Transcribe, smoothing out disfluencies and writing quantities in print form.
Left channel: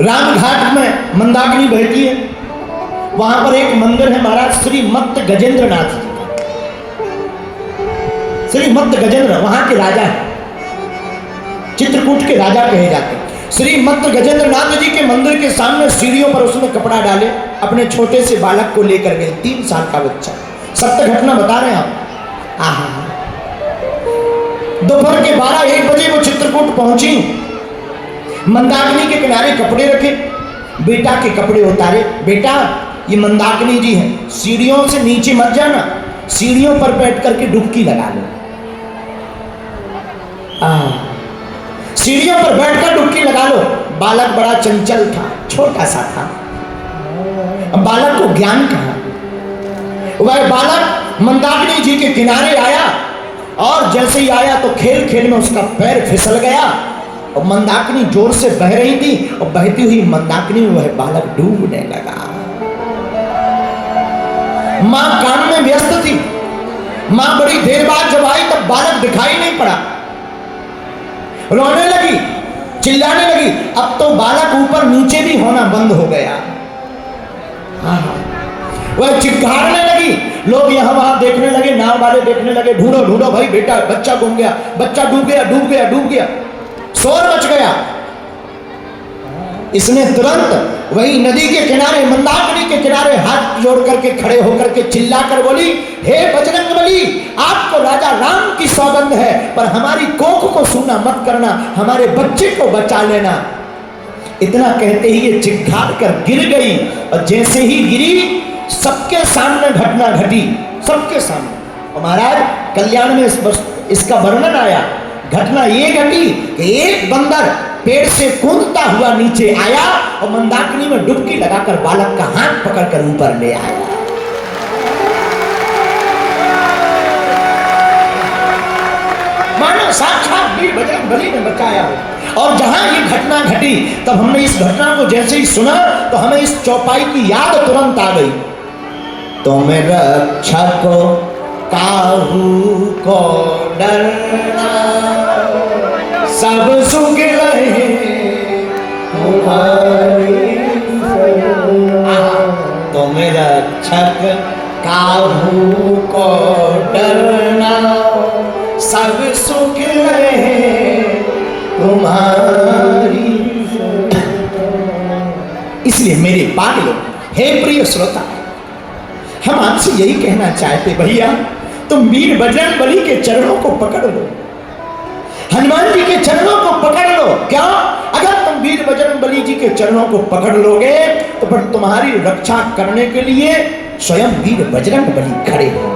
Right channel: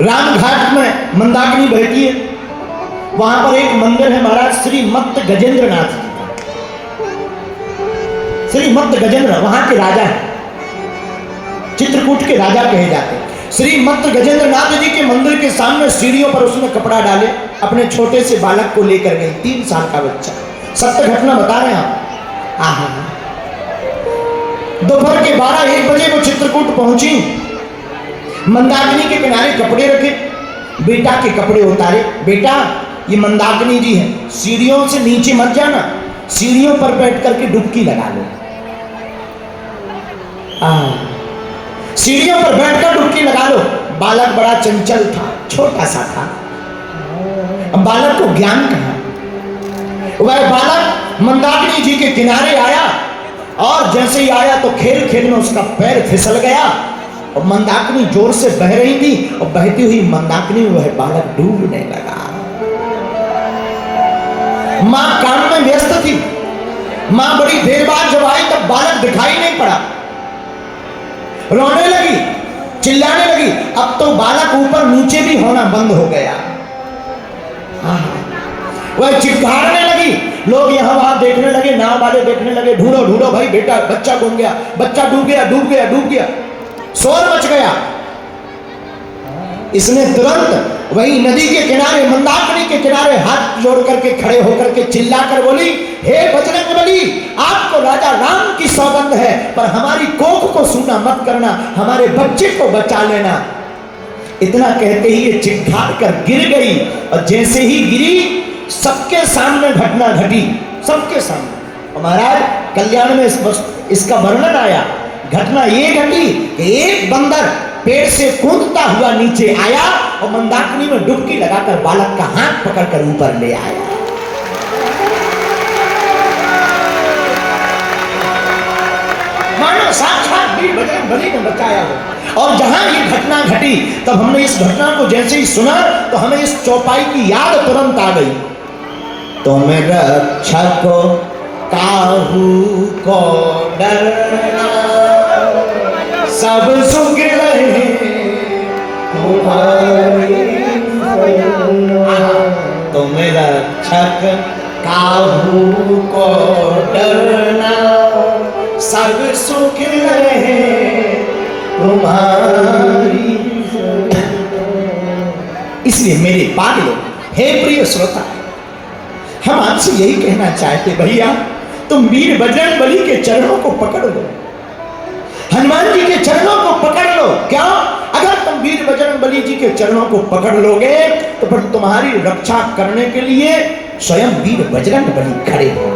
रामघाट में मंदाकिनी बहती है, वहां पर एक मंदिर है महाराज श्री मत्त गजेंद्र नाथ जी का। श्री मत्त गजेंद्र वहां के राजा है, चित्रकूट के राजा कहे जाते हैं। श्री मत्त गजेंद्र नाथ जी के मंदिर के सामने सीढ़ियों पर उसने कपड़ा डाले, अपने छोटे से बालक को लेकर गई, 3 साल का बच्चा। सत्य घटना बता रहे हैं आप। आहा, दोपहर के 12-1 बजे वो चित्रकूट पहुंची, मंदाकिनी के किनारे कपड़े रखे, बेटा के कपड़े उतारे। बेटा ये मंदाकिनी जी है, सीढ़ियों से नीचे मत जाना, सीढ़ियों पर बैठ करके डुबकी लगा लो। सीढ़ियों पर बैठकर डुबकी लगा लो। बालक बड़ा चंचल था, छोटा सा था, बालक को ज्ञान कहा। वह बालक मंदाकिनी जी के किनारे आया और जैसे ही आया तो खेल खेल में उसका पैर फिसल गया और मंदाकिनी जोर से बह रही थी और बहती हुई मंदाकिनी में वह बालक डूबने लगा। मां काम में व्यस्त थी, मां बड़ी देर बाद जब आई तब बालक दिखाई नहीं पड़ा, रोने लगी, चिल्लाने लगी। अब तो बालक ऊपर नीचे भी होना बंद हो गया, वह चिल्लाने लगी। लोग यहाँ वहां देखने लगे, नाव वाले देखने लगे, ढूंढो ढूंढो भाई, बेटा बच्चा गुम गया, बच्चा डूब गया, डूब गया, डूब गया, शोर मच गया। इसने तुरंत वही नदी के किनारे, मंदाकिनी के किनारे हाथ जोड़ करके खड़े होकर के चिल्लाकर बोली, हे बजरंगबली, आपको राजा राम की सौगंध है, पर हमारी कोख को सूना मत करना, हमारे बच्चे को बचा लेना। इतना कहते ही ये चिढ़ कर गिर गई और जैसे ही गिरी सबके सामने घटना घटी, सबके सामने। महाराज कल्याण में इसका वर्णन आया। घटना ये घटी कि एक बंदर पेड़ से कूदता हुआ नीचे आया और मंदाकिनी में डुबकी लगाकर बालक का हाथ पकड़कर ऊपर ले आया। मानो साक्षात वीर बजरंगबली ने बचाया हो। और जहां ये घटना घटी तब हमने इस घटना को जैसे ही सुना तो हमें इस चौपाई की याद तुरंत आ गई। तुम रक्षक काहू को डरना, सब सुख रहे तुम्हारी। तुम रक्षक काहू को डरना, सब सुख रहे तुम्हारी। इसलिए मेरे पागलों, हे प्रिय श्रोता, हम आपसे यही कहना चाहते, भैया तुम वीर बजरंगबली के चरणों को पकड़ लो, हनुमान जी के चरणों को पकड़ लो। क्या? अगर तुम वीर बजरंगबली जी के चरणों को पकड़ लोगे तो फिर तुम्हारी रक्षा करने के लिए स्वयं वीर बजरंगबली खड़े हो।